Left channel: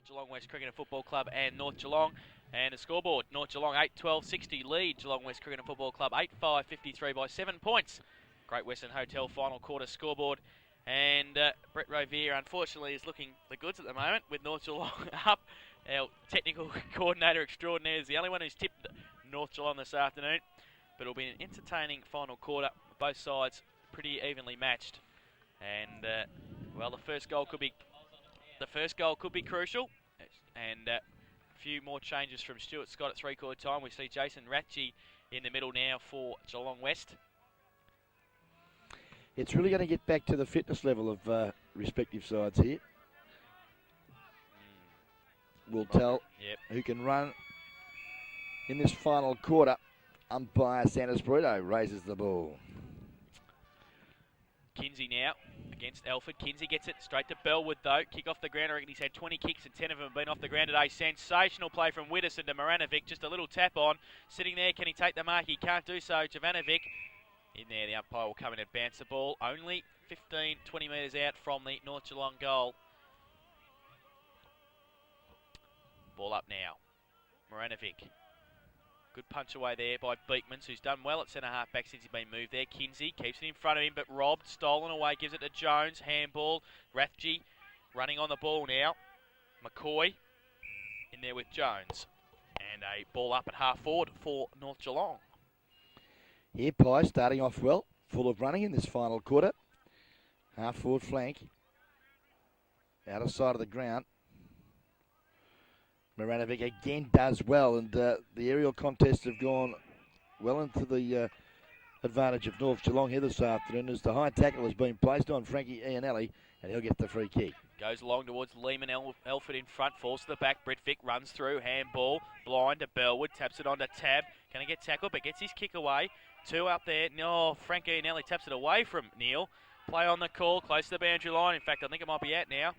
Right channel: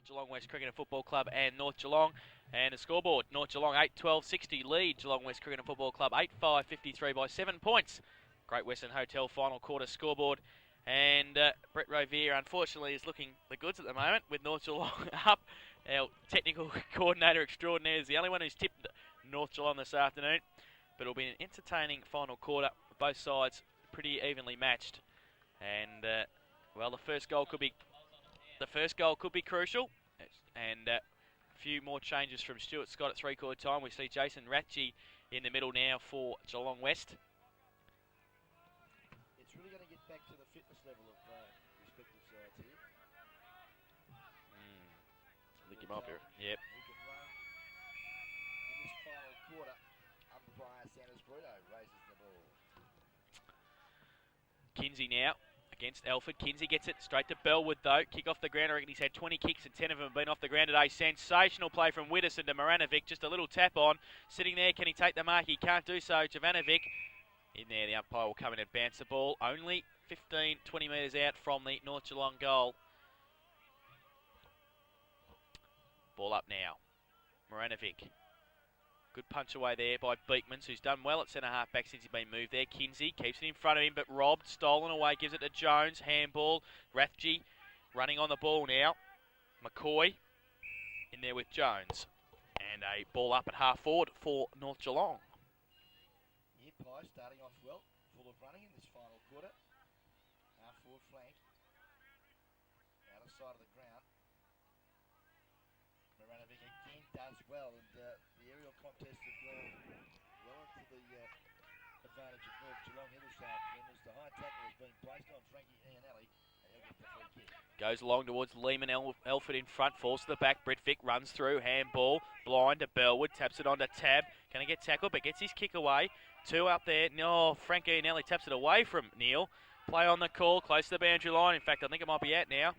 for Geelong West Cricket and Football Club and North Geelong. And the scoreboard, North Geelong 8-12-60 lead Geelong West Cricket and Football Club 8-5-53 by 7 points. Great Western Hotel final quarter scoreboard. And Brett Rovier, unfortunately, is looking the goods at the moment with North Geelong up. Our technical coordinator extraordinaire is the only one who's tipped North Geelong this afternoon. But it'll be an entertaining final quarter. Both sides pretty evenly matched. And, well, the first goal could be crucial. And a few more changes from Stuart Scott at three-quarter time. We see Jason Ratchie in the middle now for Geelong West. It's really going to get back to the fitness level of respective sides here. We'll tell who can run in this final quarter. Umpire Sanders Burrito raises the ball. Kinsey now against Alford. Kinsey gets it straight to Bellwood though. Kick off the ground. I reckon he's had 20 kicks and 10 of them have been off the ground today. Sensational play from Widdowson to Moranovic. Just a little tap on. Sitting there, can he take the mark? He can't do so. Jovanovic in there. The umpire will come in and bounce the ball. Only 15, 20 metres out from the North Geelong goal. Ball up now. Moranovic. Good punch away there by Beekmans, who's done well at centre-half back since he's been moved there. Kinsey keeps it in front of him, but robbed, stolen away, gives it to Jones. Handball. Rathje running on the ball now. McCoy in there with Jones. And a ball up at half forward for North Geelong. Here, Pye starting off well, full of running in this final quarter. Half forward flank. Out of sight of the ground. Moranovic again does well, and the aerial contests have gone well into the advantage of North Geelong here this afternoon as the high tackle has been placed on Frankie Iannelli, and he'll get the free kick. Goes along towards Lehman. Elford in front, falls to the back. Britvic runs through, handball, blind to Bellwood, taps it onto Tab. Can he get tackled, but gets his kick away. Two up there. No, Frankie Iannelli taps it away from Neil. Play on the call, close to the boundary line. In fact, I think it might be out now.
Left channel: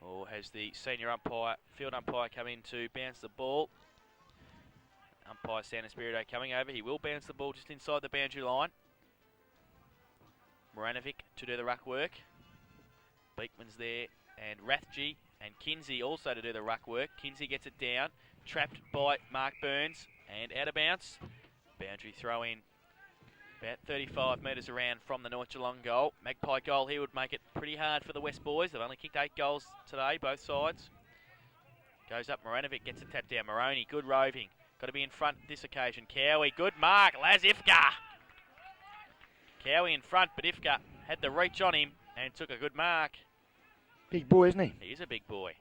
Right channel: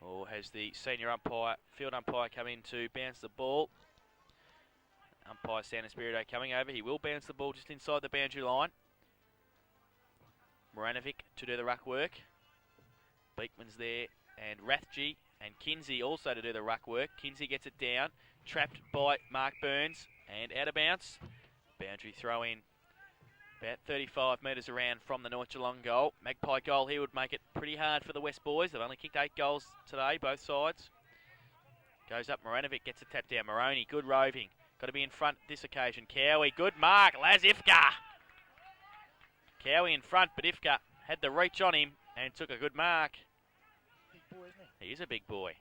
Or has the senior umpire, field umpire, come in to bounce the ball? Umpire Santa Spirito coming over. He will bounce the ball just inside the boundary line. Moranovic to do the ruck work. Beekman's there, and Rathje and Kinsey also to do the ruck work. Kinsey gets it down, trapped by Mark Burns, and out of bounds. Boundary throw in. About 35 metres around from the North Geelong goal. Magpie goal here would make it pretty hard for the West boys. They've only kicked 8 goals today, both sides. Goes up, Moranovic gets a tap down. Moroney, good roving. Got to be in front this occasion. Cowie, good mark. Laz Ifka. Cowie in front, but Ifka had the reach on him and took a good mark. Big boy, isn't he? He is a big boy.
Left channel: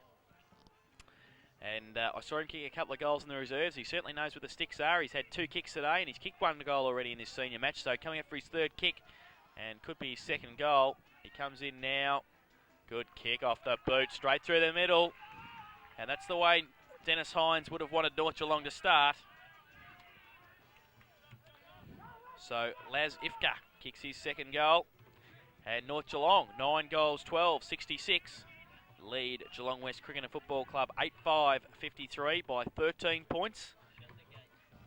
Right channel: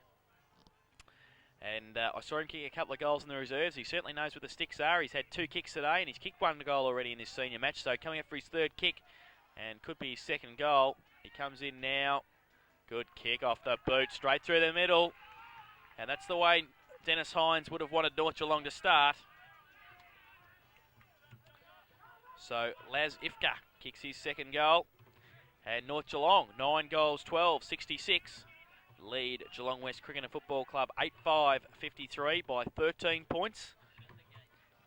And I saw him kick a couple of goals in the reserves. He certainly knows where the sticks are. He's had 2 kicks today, and he's kicked 1 goal already in this senior match. So coming up for his 3rd kick, and could be his 2nd goal. He comes in now. Good kick off the boot, straight through the middle. And that's the way Dennis Hines would have wanted North Geelong to start. So Laz Ifka kicks his 2nd goal. And North Geelong, 9 goals, 12, 66. Lead Geelong West Cricket and Football Club 8-5-53 by 13 points.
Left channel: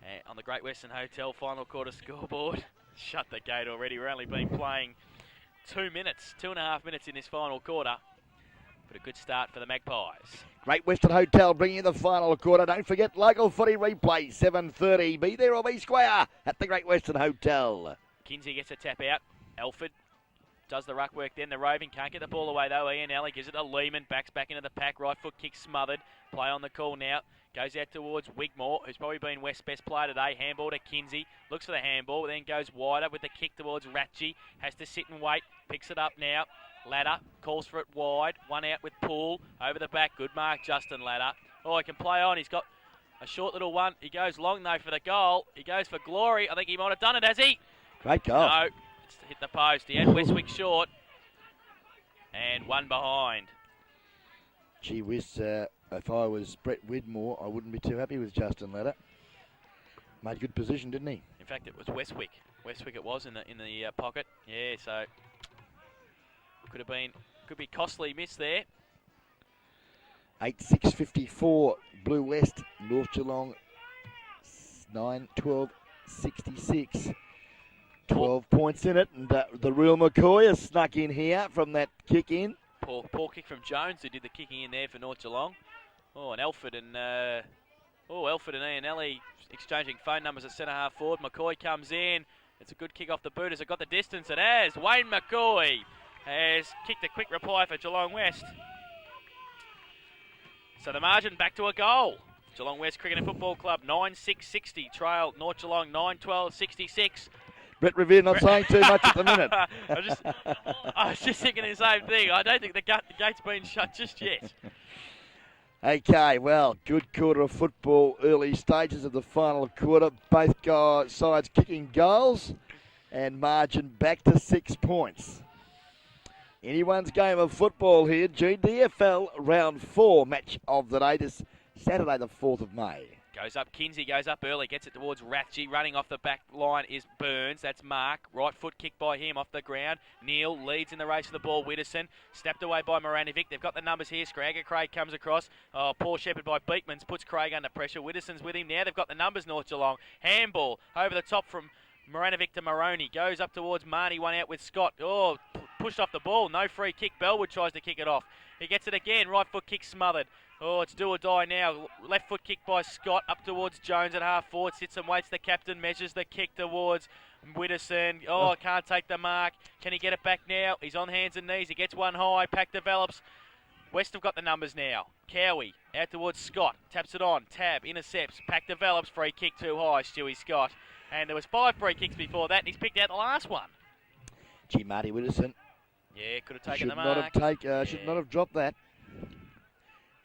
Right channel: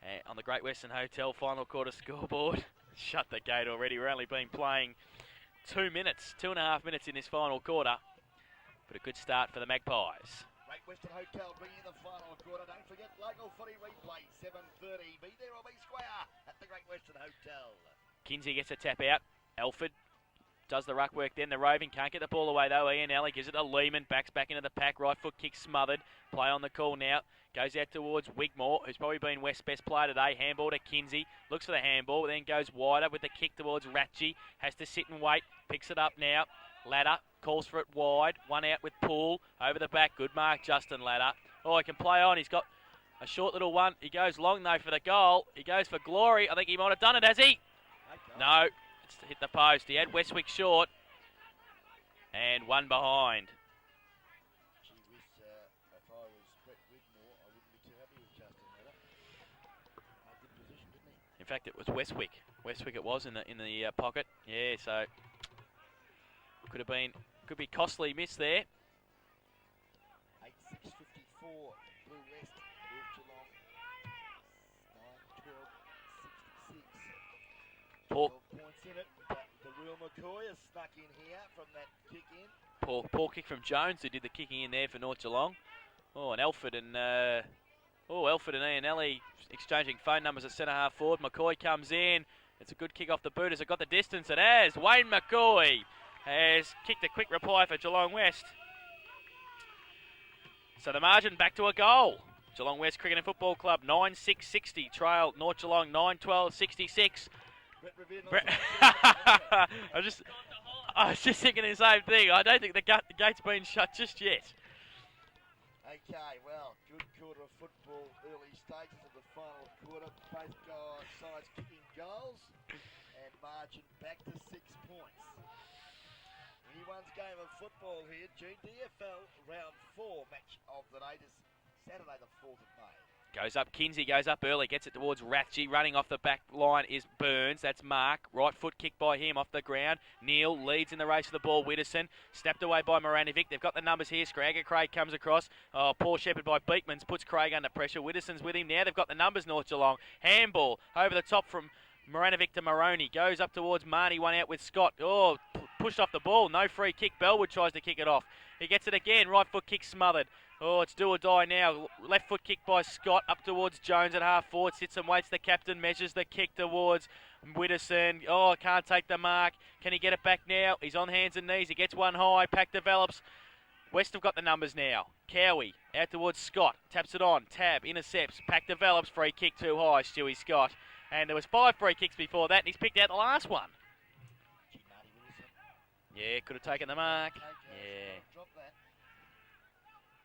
And on the Great Western Hotel final quarter scoreboard, shut the gate already. We've only been playing 2 minutes, 2.5 minutes in this final quarter. But a good start for the Magpies. Great Western Hotel bringing you the final quarter. Don't forget local footy replay, 7:30. Be there or be square at the Great Western Hotel. Kinsey gets a tap out. Alford does the ruck work then, the roving, can't get the ball away though. Iannelli gives it to Lehman, backs back into the pack, right foot kick smothered. Play on the call now, goes out towards Wigmore, who's probably been West's best player today. Handball to Kinsey, looks for the handball, then goes wider with the kick towards Ratchie. Has to sit and wait, picks it up now. Ladder, calls for it wide, one out with Poole, over the back, good mark Justin Ladder. Oh, he can play on, he's got a short little one. He goes long though for the goal, he goes for glory. I think he might have done it, has he? Great goal. No. Hit the post. He had Westwick short. And one behind. Gee whiz, if I was Brett Widmore, I wouldn't be too happy with Justin Ladder. Made good position, didn't he? In fact, it was Westwick. Westwick it was in the pocket. Yeah, so could be costly miss there. 8-6-54, Blue West, North Geelong, 9-12-66. 12 points in it, and the real McCoy has snuck in here from that kick in. Poor kick from Jones, who did the kicking in there for North Geelong. Oh, and Elford and Ianelli exchanging phone numbers at centre half forward. McCoy comes in. It's a good kick off the boot. Has it got the distance? It has. Wayne McCoy has kicked a quick reply for Geelong West. So the margin back to a goal. Geelong West Cricket and Football Club 9-6-60. Trail North Geelong 9-12-66. Brett Revere not saying too much at the minute. I was just thinking the same thing. I don't think the gate's been shut just yet. Okay, well, good quarter of football, early stages of the final quarter. Both sides kicking goals and margin back to 6 points. Anyone's game of football here. GDFL round 4 match of the day this Saturday the 4th of May. Goes up, Kinsey goes up early, gets it towards Ratchie. Running off the back line is Burns. That's Mark. Right foot kick by him off the ground. Neil leads in the race for the ball. Widdowson snapped away by Moranovic. They've got the numbers here. Scragger Craig comes across. Oh, poor Shepherd by Beekmans puts Craig under pressure. Widdowson's with him now. They've got the numbers, North Geelong. Handball over the top from Moranovic to Maroney. Goes up towards Marnie. One out with Scott. Oh, pushed off the ball. No free kick. Bellwood tries to kick it off. He gets it again. Right foot kick smothered. Oh, it's do or die now. Left foot kick by Scott up towards Jones at half forward. Sits and waits. The captain measures the kick towards Widdowson. Oh, can't take the mark. Can he get it back now? He's on hands and knees. He gets one high. Pack develops. West have got the numbers now. Cowie out towards Scott. Taps it on. Tab intercepts. Pack develops. Free kick too high. Stewie Scott. And there was 5 free kicks before that, and he's picked out the last one. Gee, Marty Widdowson. Yeah, could have taken the mark. Should not have dropped that.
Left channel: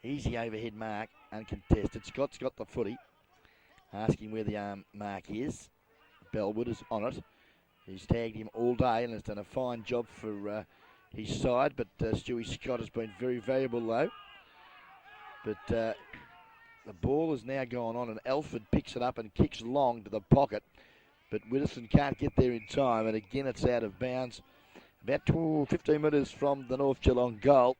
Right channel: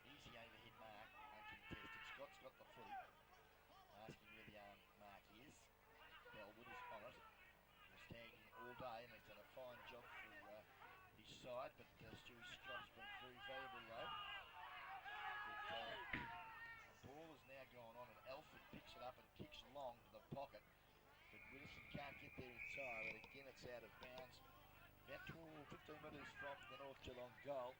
Easy overhead mark, uncontested. Scott's got the footy. Asking where the arm mark is. Bellwood is on it. He's tagged him all day and has done a fine job for his side. But Stewie Scott has been very valuable though. But the ball has now gone on and Alford picks it up and kicks long to the pocket. But Widdowson can't get there in time. And again, it's out of bounds. About 15 metres from the North Geelong goal.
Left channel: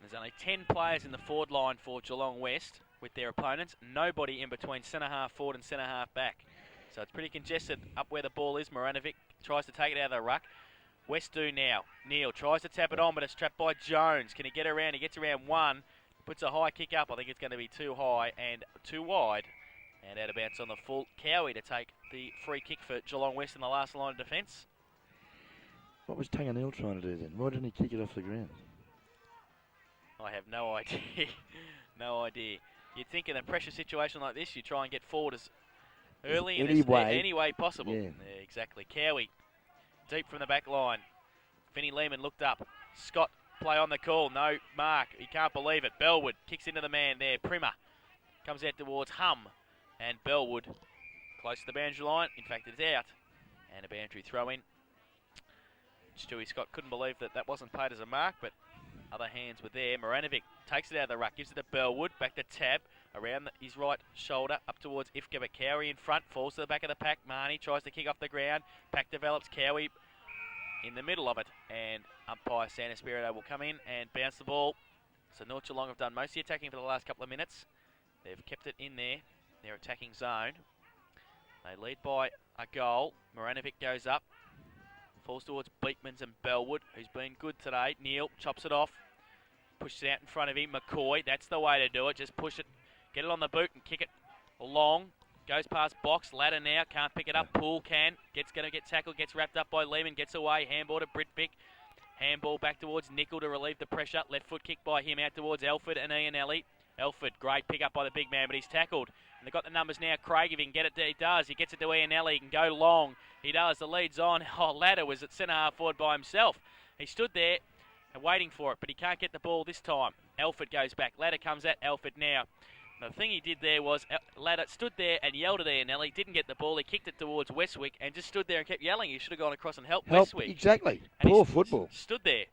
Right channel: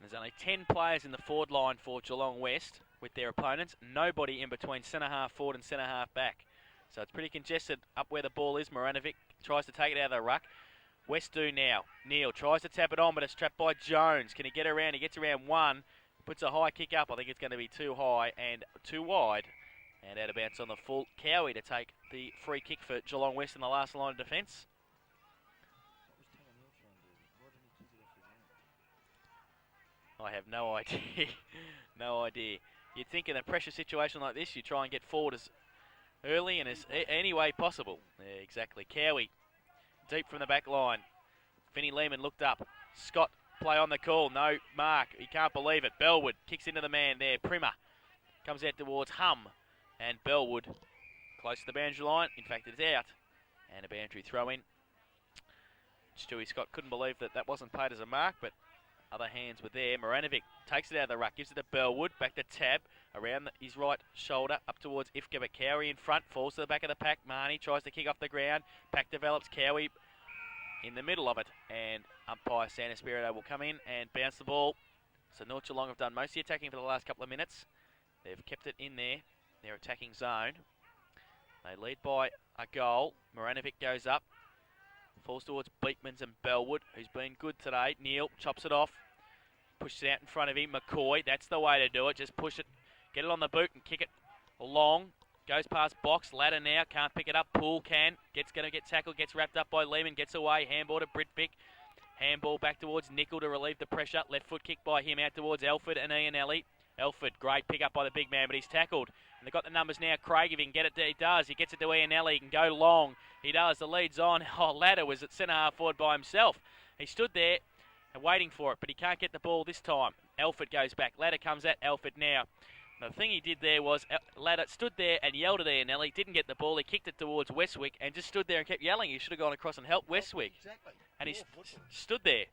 There's only 10 players in the forward line for Geelong West with their opponents. Nobody in between centre half forward and centre half back. So it's pretty congested up where the ball is. Moranovic tries to take it out of the ruck. West do now. Neil tries to tap it on, but it's trapped by Jones. Can he get around? He gets around one. Puts a high kick up. I think it's going to be too high and too wide. And out of bounds on the full. Cowie to take the free kick for Geelong West in the last line of defence. What was Tanganil trying to do then? Why didn't he kick it off the ground? I have no idea. No idea. You'd think in a pressure situation like this, you try and get forward as early and any way possible. Yeah, exactly. Cowie, deep from the back line. Finney Lehman looked up. Scott, play on the call. No mark. He can't believe it. Bellwood kicks into the man there. Primer comes out towards Hum. And Bellwood close to the boundary line. In fact, it's out. And a boundary throw in. Stewie Scott couldn't believe that wasn't paid as a mark, but other hands were there. Moranovic takes it out of the ruck, gives it to Bellwood, back to Tab, around his right shoulder, up towards Ifka, but Cowie in front, falls to the back of the pack. Marnie tries to kick off the ground. Pack develops, Cowie in the middle of it, and umpire San Espirito will come in and bounce the ball. So North Geelong have done most of the attacking for the last couple of minutes. They've kept it in their attacking zone. They lead by a goal. Moranovic goes up. Falls towards Beekmans and Bellwood, who's been good today. Neil chops it off. Pushes it out in front of him. McCoy, that's the way to do it. Just push it, get it on the boot and kick it long. Goes past box. Ladder now, can't pick it up. Poole can. Going to get tackled, gets wrapped up by Lehman, gets away. Handball to Britvic. Handball back towards Nickel to relieve the pressure. Left foot kick by him out towards Alford and Ianelli. Alford, great pick up by the big man, but he's tackled. And they've got the numbers now. Craig, if he can get it, he does. He gets it to Ianelli. He can go long. He does. The lead's on. Oh, Ladder was at centre half forward by himself. He stood there and waiting for it, but he can't get the ball this time. Alford goes back. Ladder comes at Alford now. The thing he did there was Ladder stood there and yelled at Ianelli. Didn't get the ball. He kicked it towards Westwick and just stood there and kept yelling. He should have gone across and helped Westwick. Exactly. And poor football. Stood there.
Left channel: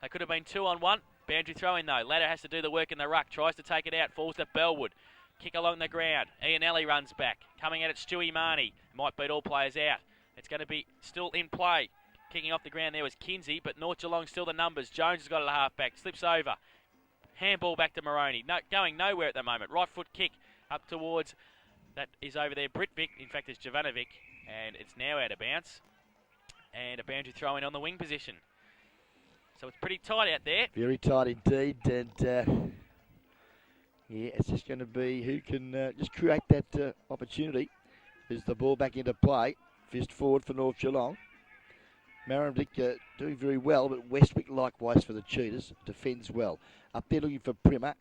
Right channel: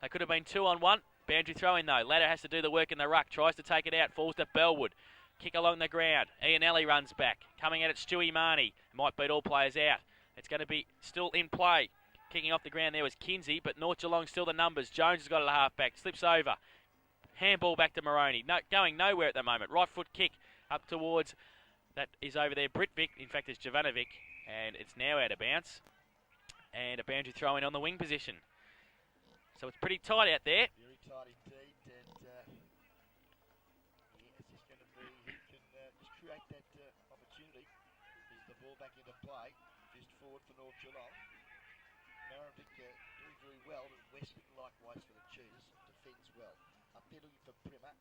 They could have been 2-on-1. Boundary throw in though. Ladder has to do the work in the ruck. Tries to take it out. Falls to Bellwood. Kick along the ground. Ianelli runs back. Coming at it, Stewie Marnie. Might beat all players out. It's going to be still in play. Kicking off the ground there was Kinsey, but North Geelong still the numbers. Jones has got it at half-back. Slips over. Handball back to Maroney. No, going nowhere at the moment. Right foot kick up towards, that is over there, Britvic. In fact, it's Jovanovic. And it's now out of bounds. And a boundary throw in on the wing position. So it's pretty tight out there. Very tight indeed, and yeah, it's just going to be who can just create that opportunity. Is the ball back into play? Fist forward for North Geelong. Maribyrnong doing very well, but Westwick likewise for the Cheetahs. Defends well. Up there looking for Primer.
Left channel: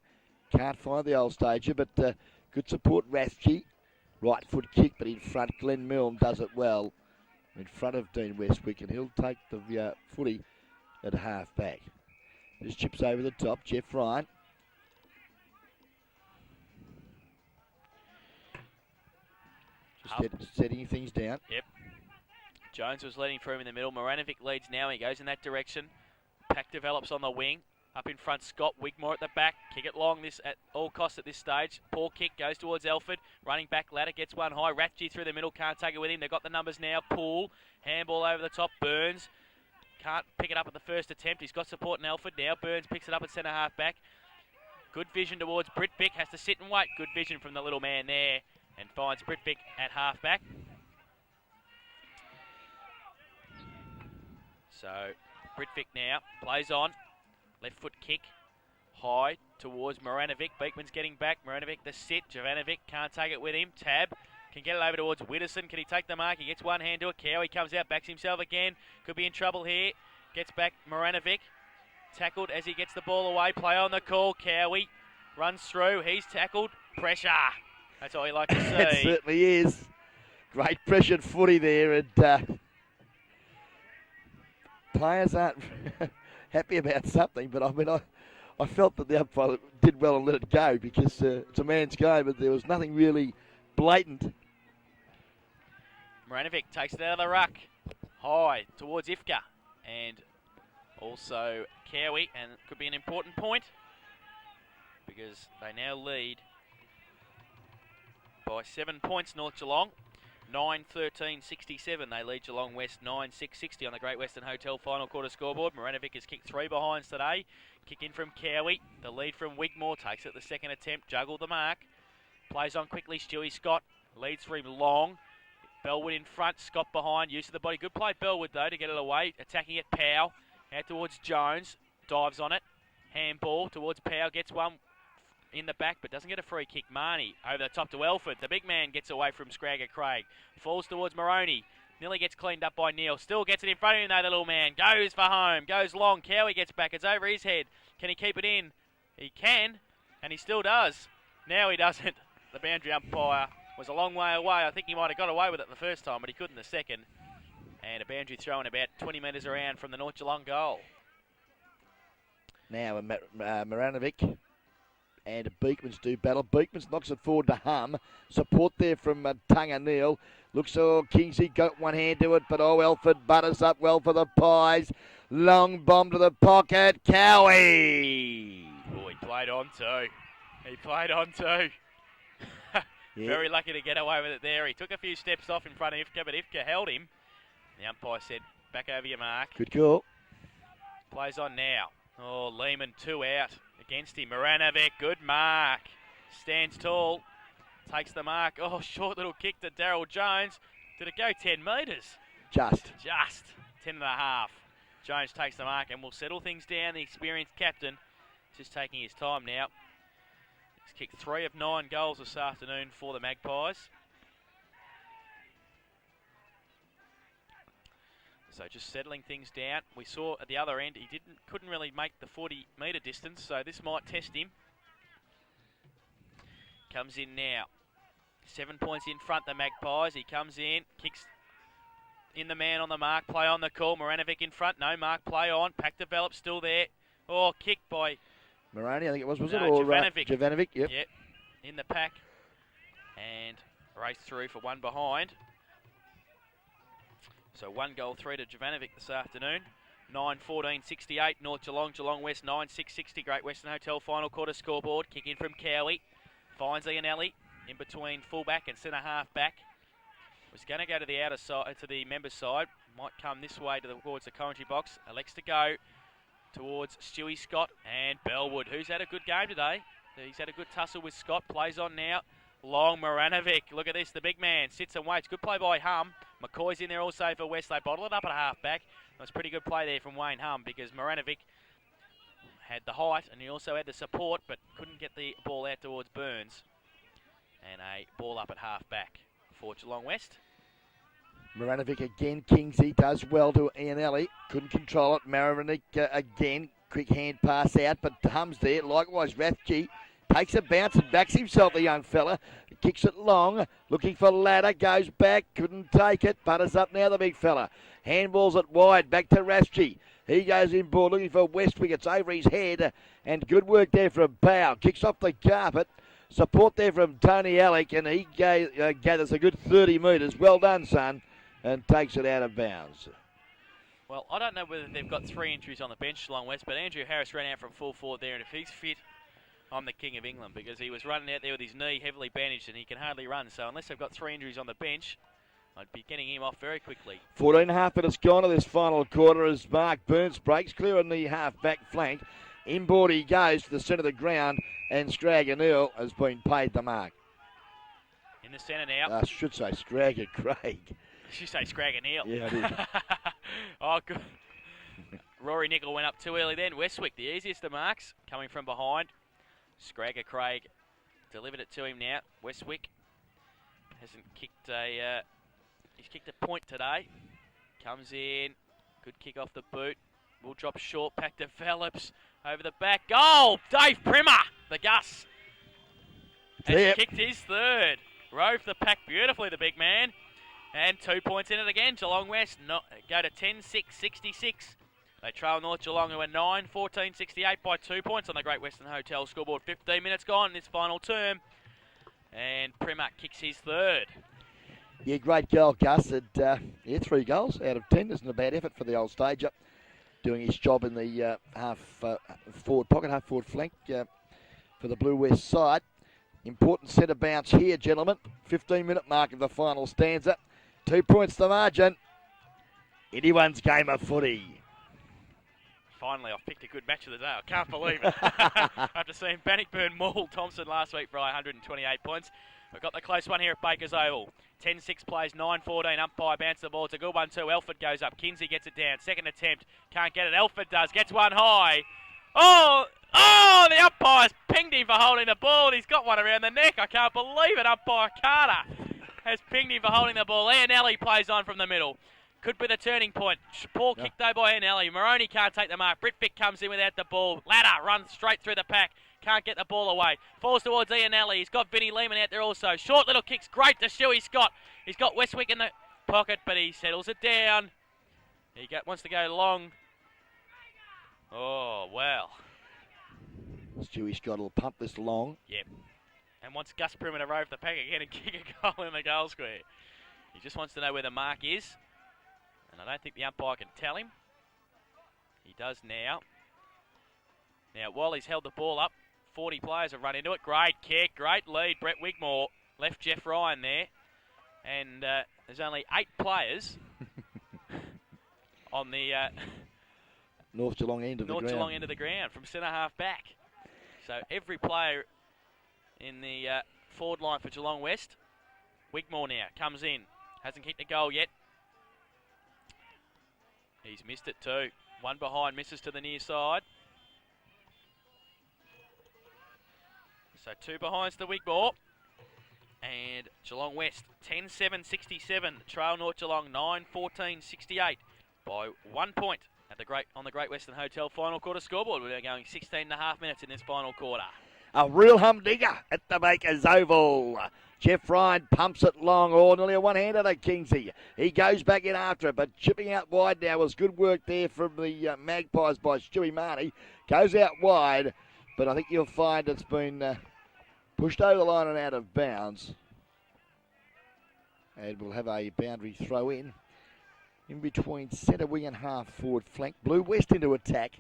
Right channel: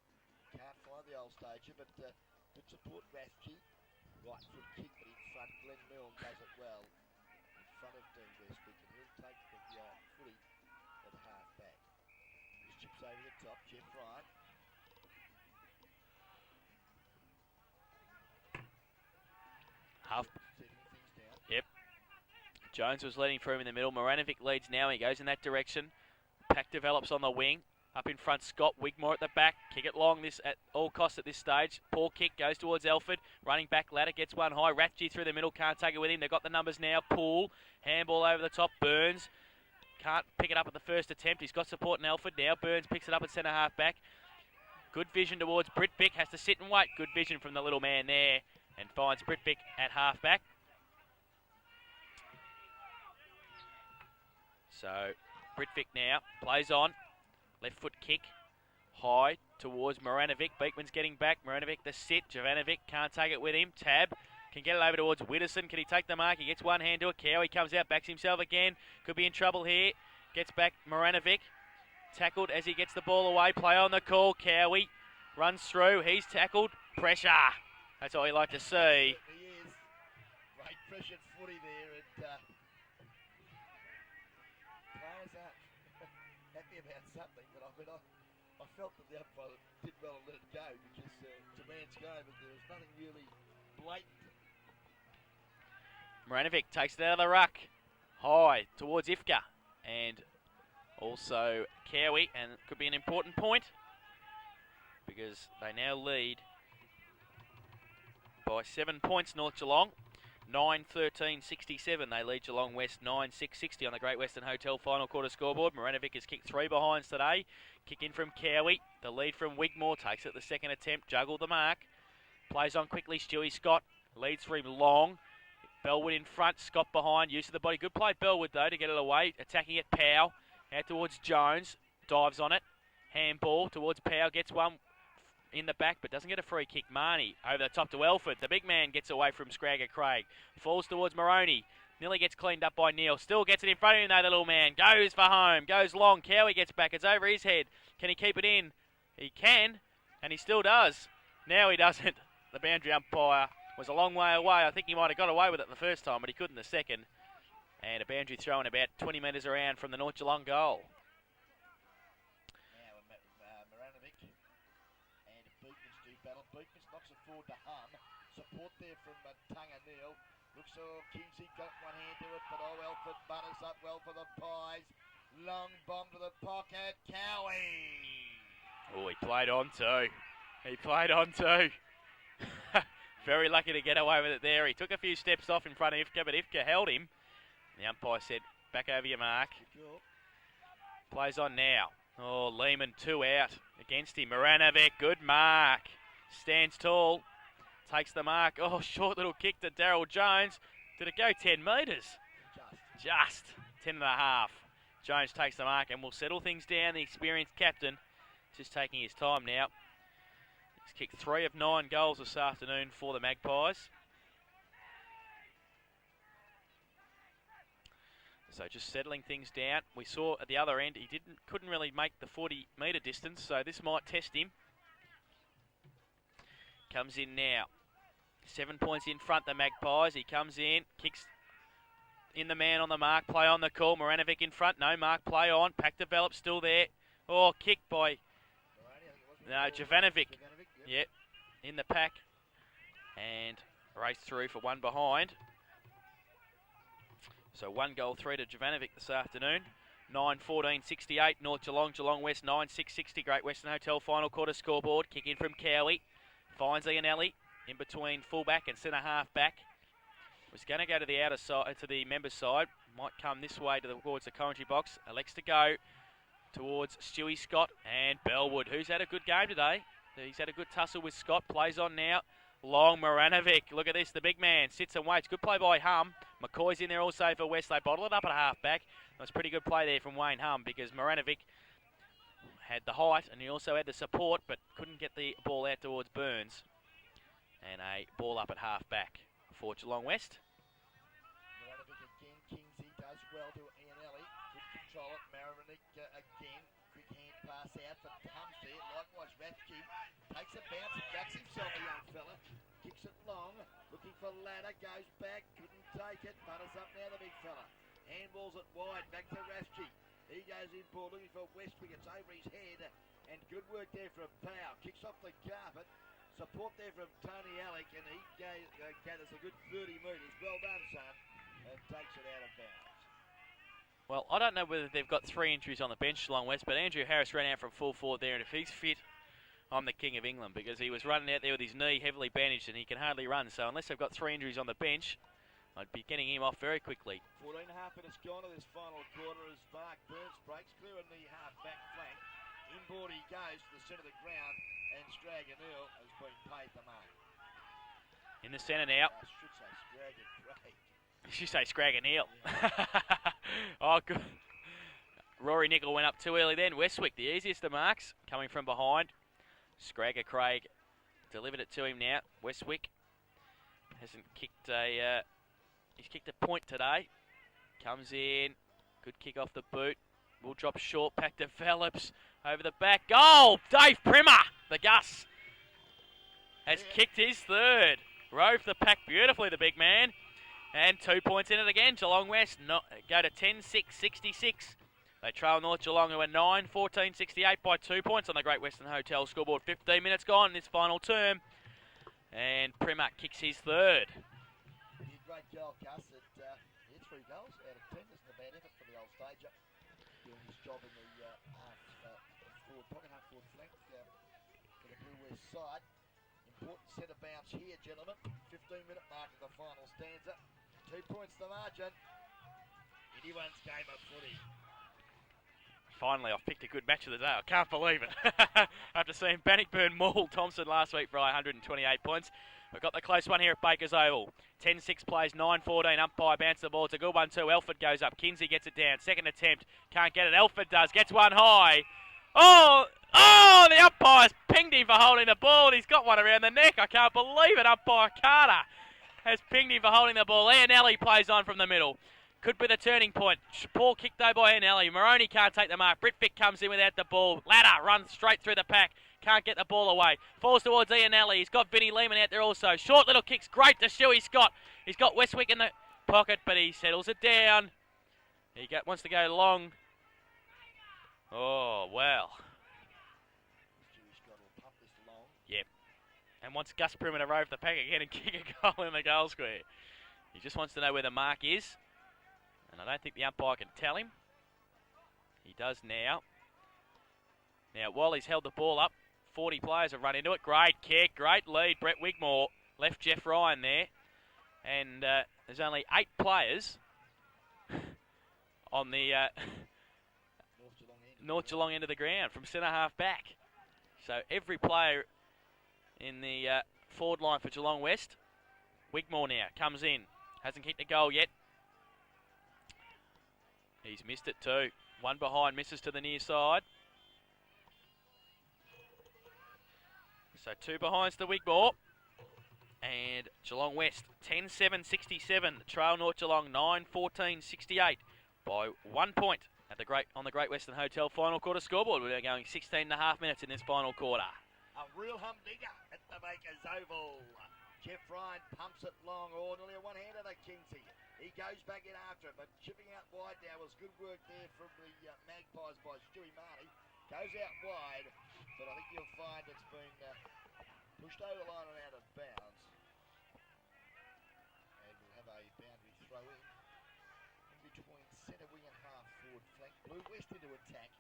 Can't find the old stager, but good support, Rathke. Right foot kick, but in front, Glenn Milne does it well. In front of Dean Westwick, and he'll take the footy at half back. This chips over the top, Jeff Ryan. Setting things down. Yep. Jones was leading for him in the middle. Maranovic leads now. He goes in that direction. Pack develops on the wing. Up in front, Scott Wigmore at the back. Kick it long this at all costs at this stage. Poor kick goes towards Elford. Running back ladder gets one high. Rathke through the middle. Can't take it with him. They've got the numbers now. Poole. Handball over the top. Burns. Can't pick it up at the first attempt. He's got support in Elford now. Burns picks it up at centre half back. Good vision towards Britvic. Has to sit and wait. Good vision from the little man there. And finds Britvic at half back. So Britvic now plays on. Left foot kick. High towards Maranovic. Beekman's getting back. Maranovic the sit. Jovanovic can't take it with him. Tab can get it over towards Widdowson. Can he take the mark? He gets one hand to it. Cowie comes out. Backs himself again. Could be in trouble here. Gets back Maranovic. Tackled as he gets the ball away. Play on the call. Cowie runs through. He's tackled. Pressure. That's all you like to see. It certainly is. Great pressured footy there, and players aren't happy about something, but I mean, I felt that the umpire did well and let it go because it's a man's game, but there was nothing really blatant. Maranovic takes it out of the ruck. High towards Ifka, and also Cowie, and it could be an important point because they now lead by 7 points, North Geelong. 9-13-67. They lead Geelong West 9-6-60 on the Great Western Hotel final quarter scoreboard. Maranovic has kicked 3 behinds today. Kick in from Cowie. The lead from Wigmore. Takes it the second attempt. Juggled the mark. Plays on quickly. Stewie Scott leads for him long. Bellwood in front. Scott behind. Use of the body. Good play Bellwood though to get it away. Attacking it Powell. Out towards Jones. Dives on it. Handball towards Powell. Gets one in the back, but doesn't get a free kick. Marnie over the top to Elford. The big man gets away from Scragger Craig. Falls towards Moroney. Nearly gets cleaned up by Neal. Still gets it in front of him though, the little man. Goes for home. Goes long. Cowie gets back. It's over his head. Can he keep it in? He can, and he still does. Now he doesn't. The boundary umpire was a long way away. I think he might have got away with it the first time, but he couldn't the second. And a boundary thrown about 20 metres around from the North Geelong goal. Now Maranovic and Beekman's do battle. Beekman's knocks it forward to Hum. Support there from Tunga Neal. Looks Kingsley got one hand to it, but Elford butters up well for the Pies. Long bomb to the pocket. Cowie. Oh, he played on too. He played on too. Very lucky to get away with it there. He took a few steps off in front of Ifka, but Ifka held him. The umpire said, back over your mark. Good call. Plays on now. Oh, Lehman 2 out against him. Maranovic, good mark. Stands tall. Takes the mark. Oh, short little kick to Daryl Jones. Did it go 10 metres? Just. 10.5. Jones takes the mark and will settle things down. The experienced captain just taking his time now. He's kicked 3 of 9 goals this afternoon for the Magpies. So just settling things down. We saw at the other end he couldn't really make the 40-metre distance, so this might test him. Comes in now. 7 points in front, the Magpies. He comes in, kicks in the man on the mark, play on the call. Maranovic in front, no mark, play on. Pack develops, still there. Oh, kicked by Moroney, I think it was no, it? Jovanovic. Jovanovic, yep. Yep, in the pack. And race through for one behind. So 1 goal, 3 to Jovanovic this afternoon. 9-14-68, North Geelong, Geelong West 9-6-60, Great Western Hotel final quarter scoreboard. Kick in from Cowie. Finds Ianelli in between fullback and centre half back. Was going to go to the outer side, to the members' side. Might come this way towards the commentary box. Elects to go towards Stewie Scott and Bellwood, who's had a good game today. He's had a good tussle with Scott. Plays on now. Long Maranovic. Look at this. The big man sits and waits. Good play by Hum. McCoy's in there also for West. They bottle it up at half back. It was pretty good play there from Wayne Hum because Maranovic had the height and he also had the support but couldn't get the ball out towards Burns. And a ball up at half-back for Geelong West. Maranovic again. Kingsley does well to Ianelli. Couldn't control it. Maranovic again. Quick hand pass out, but Hum's there. Likewise, Rathke takes a bounce and backs himself, the young fella. Kicks it long. Looking for ladder. Goes back. Couldn't take it. Butters up now, the big fella. Handballs it wide. Back to Rathke. He goes in board looking for Westwick. It's over his head. And good work there from Bow. Kicks off the carpet. Support there from Tony Alec. And he gathers a good 30 metres. Well done, son. And takes it out of bounds. Well, I don't know whether they've got 3 injuries on the bench, Geelong West, but Andrew Harris ran out from full forward there, and if he's fit, I'm the king of England, because he was running out there with his knee heavily bandaged and he can hardly run. So unless they've got 3 injuries on the bench, I'd be getting him off very quickly. 14.5 minutes gone to this final quarter as Mark Burns breaks clear on the half-back flank. Inboard he goes to the centre of the ground, and Stragger Neal has been paid the mark. In the centre now. I should say Stragger Craig. You say Scragger Neal. Yeah, oh, good. Rory Nickel went up too early then. Westwick, the easiest of marks, coming from behind. Scragger Craig delivered it to him now. Westwick hasn't kicked a... he's kicked a point today. Comes in. Good kick off the boot. Will drop short. Pack develops. Over the back. Goal! Dave Primer! The Gus has kicked his third. Rove the pack beautifully, the big man. And 2 points in it again. Geelong West go to 10-6-66. They trail North Geelong, who are 9-14-68 by 2 points on the Great Western Hotel scoreboard. 15 minutes gone in this final term. And Primer kicks his third. Yeah, great goal, Gus. And, 3 goals out of 10. Isn't a bad effort for the old stager. Doing his job in the half-forward pocket, half-forward flank for the Blue West side. Important centre bounce here, gentlemen. 15-minute mark of the final stanza. 2 points the margin. Anyone's game of footy. Finally, I've picked a good match of the day. I can't believe it. After seeing Bannockburn maul Thompson last week for 128 points. We've got the close one here at Baker's Oval. 10-6 plays, 9-14. Umpire bounce the ball. It's a good one too. Elford goes up. Kinsey gets it down. Second attempt. Can't get it. Elford does. Gets one high. Oh, the umpire's pinged him for holding the ball. He's got one around the neck. I can't believe it. Umpire Carter has pinged him for holding the ball. Ianelli plays on from the middle. Could be the turning point. Poor kick though by Ianelli. Moroney can't take the mark. Britvic comes in without the ball. Ladder runs straight through the pack. Can't get the ball away. Falls towards Ianelli. He's got Vinnie Lehman out there also. Short little kicks. Great to Stewie Scott. He's got Westwick in the pocket, but he settles it down. He wants to go long. Oh, well. Stewie Scott will pump this long. Yep. And wants Gus Primer to rove the pack again and kick a goal in the goal square. He just wants to know where the mark is. And I don't think the umpire can tell him. He does now. Now, while he's held the ball up, 40 players have run into it. Great kick, great lead. Brett Wigmore left Jeff Ryan there. And there's only 8 players on the North Geelong end of the ground from centre half back. So every player in the forward line for Geelong West. Wigmore now comes in. Hasn't kicked a goal yet. He's missed it too. One behind, misses to the near side. So 2 behinds to Wigmore. And Geelong West 10-7-67. Trail North Geelong 9-14-68 by 1 point at on the Great Western Hotel final quarter scoreboard. We're going 16.5 minutes in this final quarter. A real humdinger at the Baker's Oval. Jeff Ryan pumps it long, nearly a one-hander to Kingsley. He goes back in after it, but chipping out wide now was good work there from the Magpies by Stewie Marnie. Goes out wide, but I think you'll find it's been pushed over the line and out of bounds. And we'll have a boundary throw in between centre wing and half forward flank. Blue West into attack.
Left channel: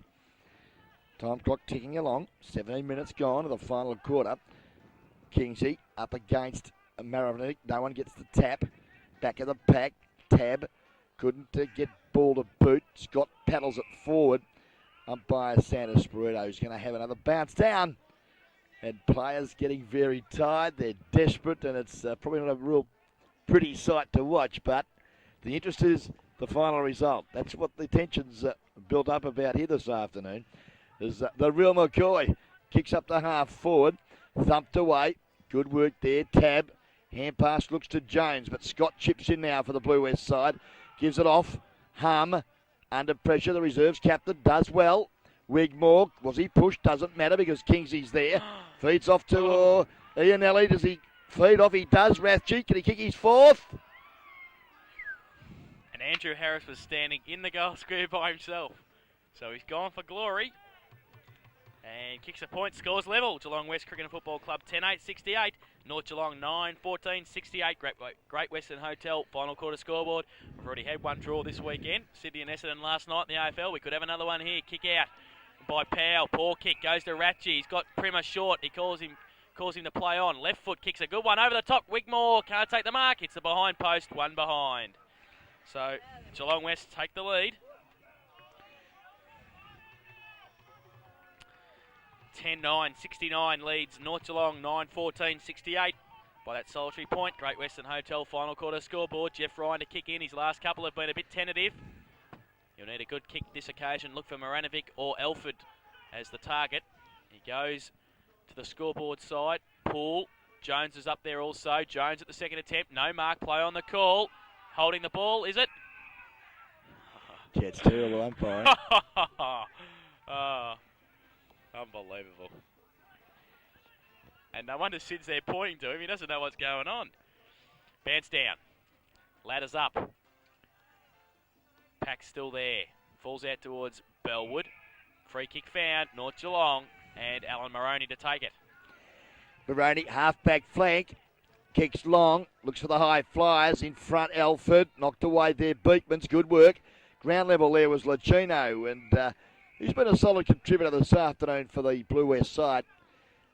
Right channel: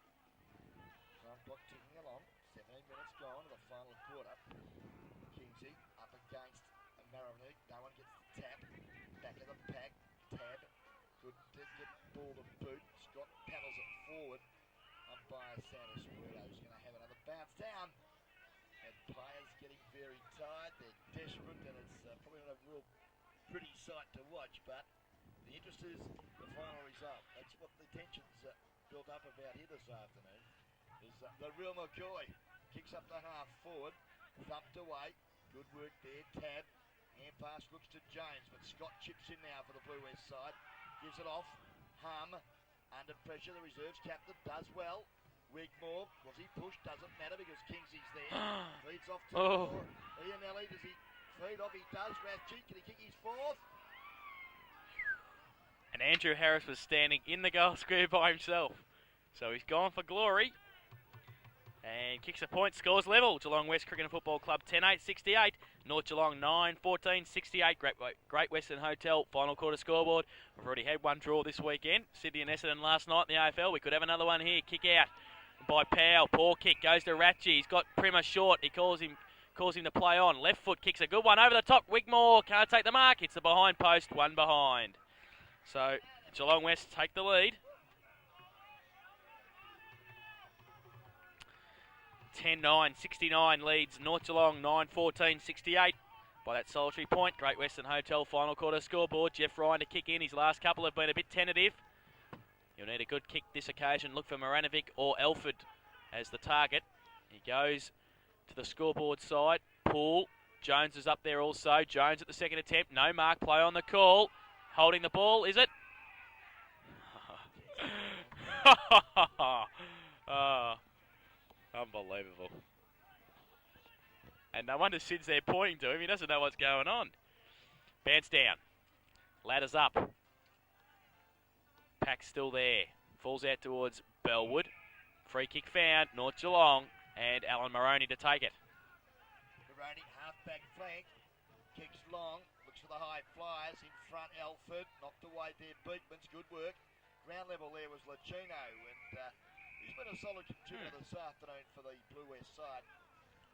Time clock ticking along. 17 minutes gone to the final quarter. Kingsley up against Maranovic. No one gets the tap. Back of the pack. Tab. Couldn't get ball to boot. Scott paddles it forward. Umpire Santa Spirito is going to have another bounce down. And players getting very tired. They're desperate, and it's probably not a real pretty sight to watch. But the interest is the final result. That's what the tension's built up about here this afternoon. Is the real McCoy kicks up the half forward, thumped away. Good work there. Tab. Hand pass looks to Jones, but Scott chips in now for the Blue West side. Gives it off. Hum. Under pressure, the reserves captain does well. Wigmore, was he pushed? Doesn't matter because Kingsley's there. Feeds off to Ianelli. Does he feed off? He does. Rathje, can he kick his fourth? And Andrew Harris was standing in the goal square by himself. So he's gone for glory. And kicks a point, scores level. Geelong West Cricket and Football Club 10-8-68. North Geelong 9-14-68. Great Western Hotel final quarter scoreboard. We've already had one draw this weekend. Sydney and Essendon last night in the AFL. We could have another one here. Kick out by Powell. Poor kick goes to Rathje. He's got Primer short. He calls him to play on. Left foot kicks a good one over the top. Wigmore can't take the mark. It's the behind post. One behind. So Geelong West take the lead. 10-9-69 leads North Geelong 9-14-68 by that solitary point. Great Western Hotel final quarter scoreboard. Jeff Ryan to kick in. His last couple have been a bit tentative. You'll need a good kick this occasion. Look for Maranovic or Elford as the target. He goes to the scoreboard side. Poole. Jones is up there also. Jones at the second attempt. No mark. Play on the call. Holding the ball, is it? Yeah, it's terrible umpire. Unbelievable. And no wonder Sid's there pointing to him. He doesn't know what's going on. Bounce down. Ladders up. Pack's still there. Falls out towards Bellwood. Free kick found. North Geelong. And Alan Moroney to take it. Moroney, half-back flank. Kicks long. Looks for the high flyers. In front, Alford. Knocked away there. Beekman's good work. Ground level there was Lachino. And he's been a solid contributor this afternoon for the Blue West side.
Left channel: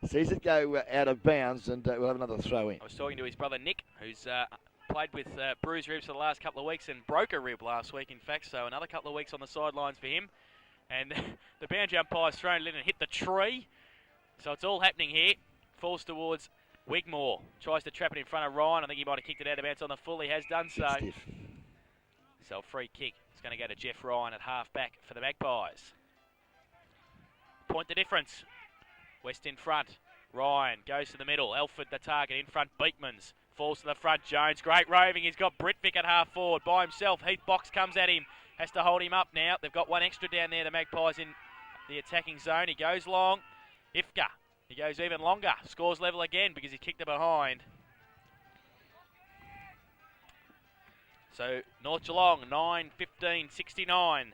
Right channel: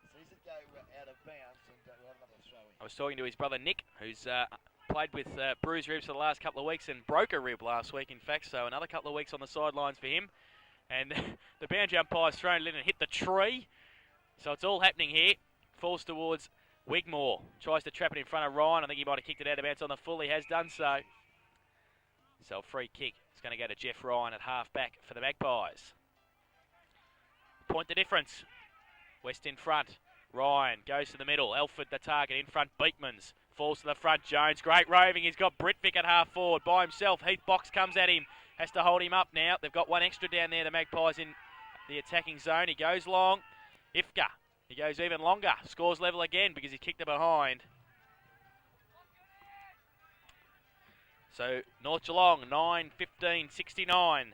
Sees it go out of bounds, and we'll have another throw in. I was talking to his brother Nick, who's played with bruised ribs for the last couple of weeks and broke a rib last week, in fact, so another couple of weeks on the sidelines for him. And the boundary umpire's thrown it in and hit the tree. So it's all happening here. Falls towards Wigmore. Tries to trap it in front of Ryan. I think he might have kicked it out of bounds on the full. He has done so. So a free kick. It's going to go to Jeff Ryan at half-back for the Magpies. Point the difference. West in front. Ryan goes to the middle. Elford the target in front. Beekmans falls to the front. Jones, great roving. He's got Britvic at half forward by himself. Heath Box comes at him. Has to hold him up now. They've got one extra down there. The Magpies in the attacking zone. He goes long. Ifka. He goes even longer. Scores level again because he kicked it behind. So North Geelong 9-15-69.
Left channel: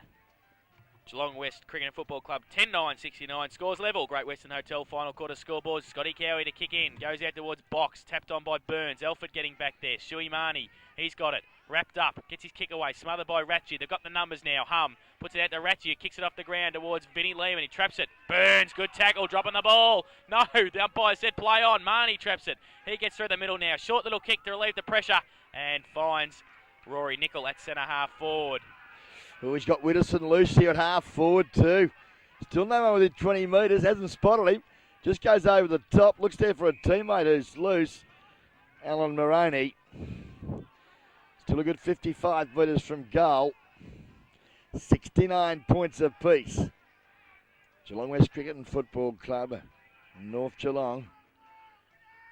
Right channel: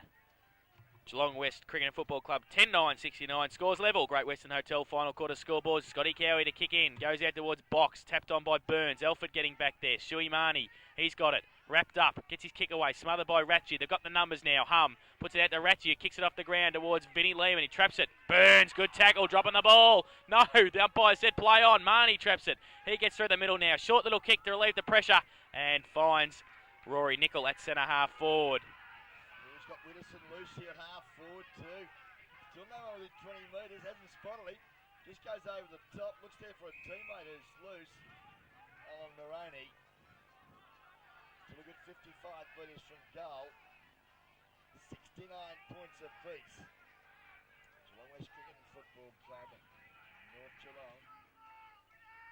Geelong West Cricket and Football Club 10-9-69. Scores level. Great Western Hotel final quarter scoreboard. Scotty Cowie to kick in. Goes out towards box. Tapped on by Burns. Elford getting back there. Shuey Marnie. He's got it. Wrapped up. Gets his kick away. Smothered by Rathje. They've got the numbers now. Hum. Puts it out to Rathje. Kicks it off the ground towards Vinnie Lehman. He traps it. Burns. Good tackle. Dropping the ball. No. The umpire said play on. Marnie traps it. He gets through the middle now. Short little kick to relieve the pressure. And finds Rory Nicol at centre half forward. Oh, he's got Widdowson loose here at half forward too. Still no one within 20 metres. Hasn't spotted him. Just goes over the top. Looks there for a teammate who's loose. Alan Moroney. Still a good 55 metres from goal. 69 points apiece. Geelong West Cricket and Football Club. North Geelong.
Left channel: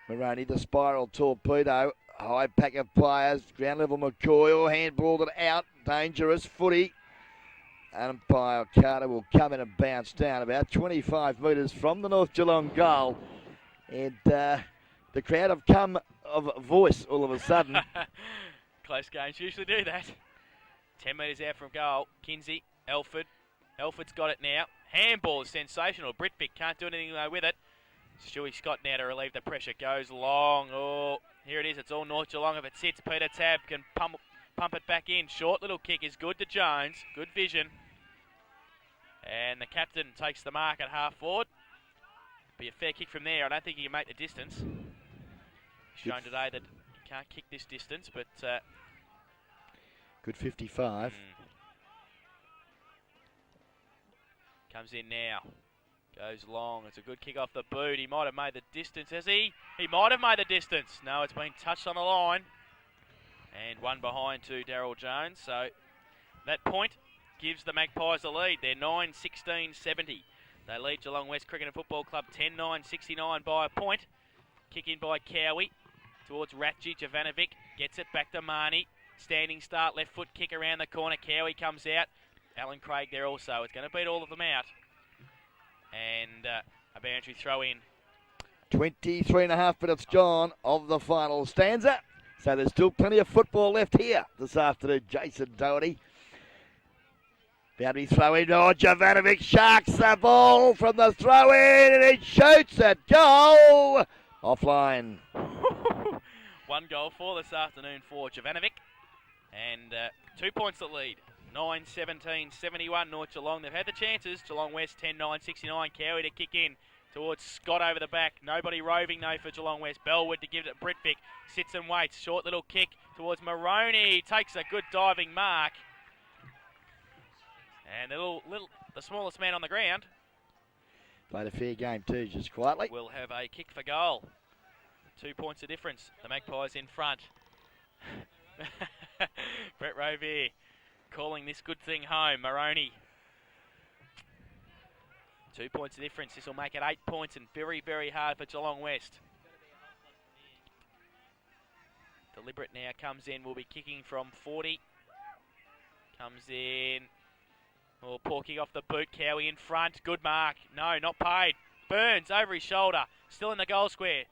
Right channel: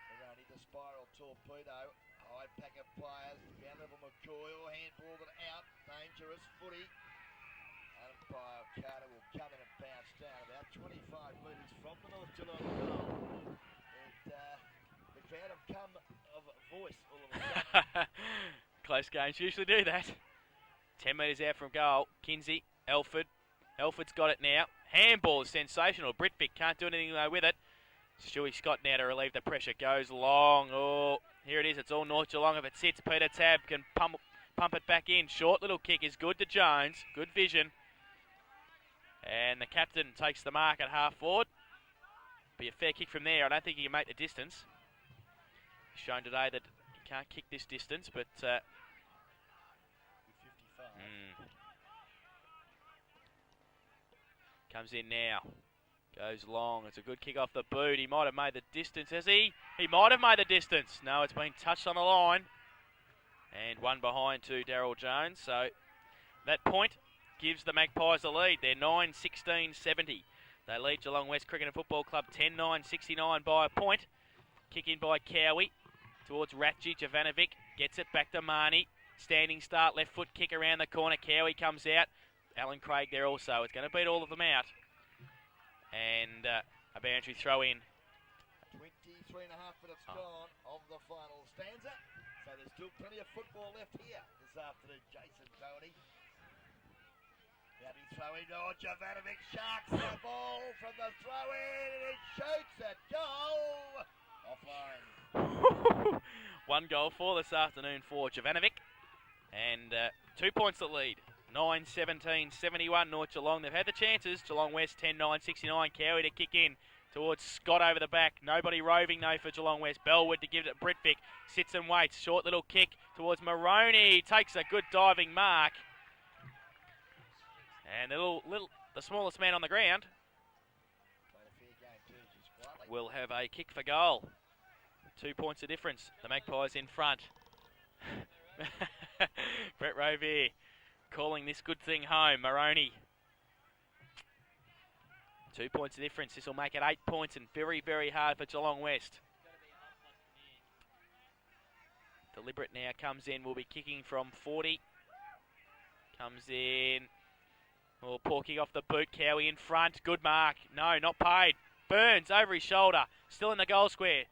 Moroney, the spiral torpedo. High pack of players. Ground level McCoy. Handballed it out. Dangerous footy. Umpire Carter will come in and bounce down about 25 metres from the North Geelong goal. And the crowd have come of voice all of a sudden. Close games usually do that. 10 metres out from goal. Kinsey, Elford. Elford's got it now. Handball is sensational. Britvic can't do anything with it. Stewie Scott now to relieve the pressure. Goes long. Oh, here it is. It's all North Geelong. If it sits, Peter Tab can pump it back in. Short little kick is good to Jones. Good vision. And the captain takes the mark at half forward. Be a fair kick from there. I don't think he can make the distance. Shown today that he can't kick this distance, but... good 55. Comes in now. Goes long. It's a good kick off the boot. He might have made the distance, has he? He might have made the distance. No, it's been touched on the line. And one behind to Daryl Jones. So That point gives the Magpies the lead. They're 9-16-70. They lead Geelong West Cricket and Football Club 10-9-69 by a point. Kick in by Cowie towards Ratji. Jovanovic gets it back to Marnie. Standing start, left foot kick around the corner. Cowie comes out. Alan Craig there also. It's going to beat all of them out. And a boundary throw in. 23.5 minutes gone of the final stanza. So there's still plenty of football left here this afternoon. Jason Doherty. Boundary throw in. Oh, Jovanovic sharks the ball from the throw in and it shoots at goal. Offline. 1 goal for this afternoon for Jovanovic. And 2 points the lead. 9-17-71 North Geelong. They've had the chances. Geelong West 10-9-69. Cowie to kick in towards Scott over the back. Nobody roving though for Geelong West. Bellwood to give it to Britvic. Sits and waits. Short little kick towards Maroney. Takes a good diving mark. And the smallest man on the ground. Played a fair game too, just quietly. Will have a kick for goal. 2 points of difference. The Magpies in front. Brett Rovier calling this good thing home. Maroney. 2 points of difference. This will make it 8 points and very, very hard for Geelong West. Deliberate now comes in. Will be kicking from 40. Comes in. Oh, poor kick off the boot. Cowie in front. Good mark. No, not paid. Burns over his shoulder. Still in the goal square.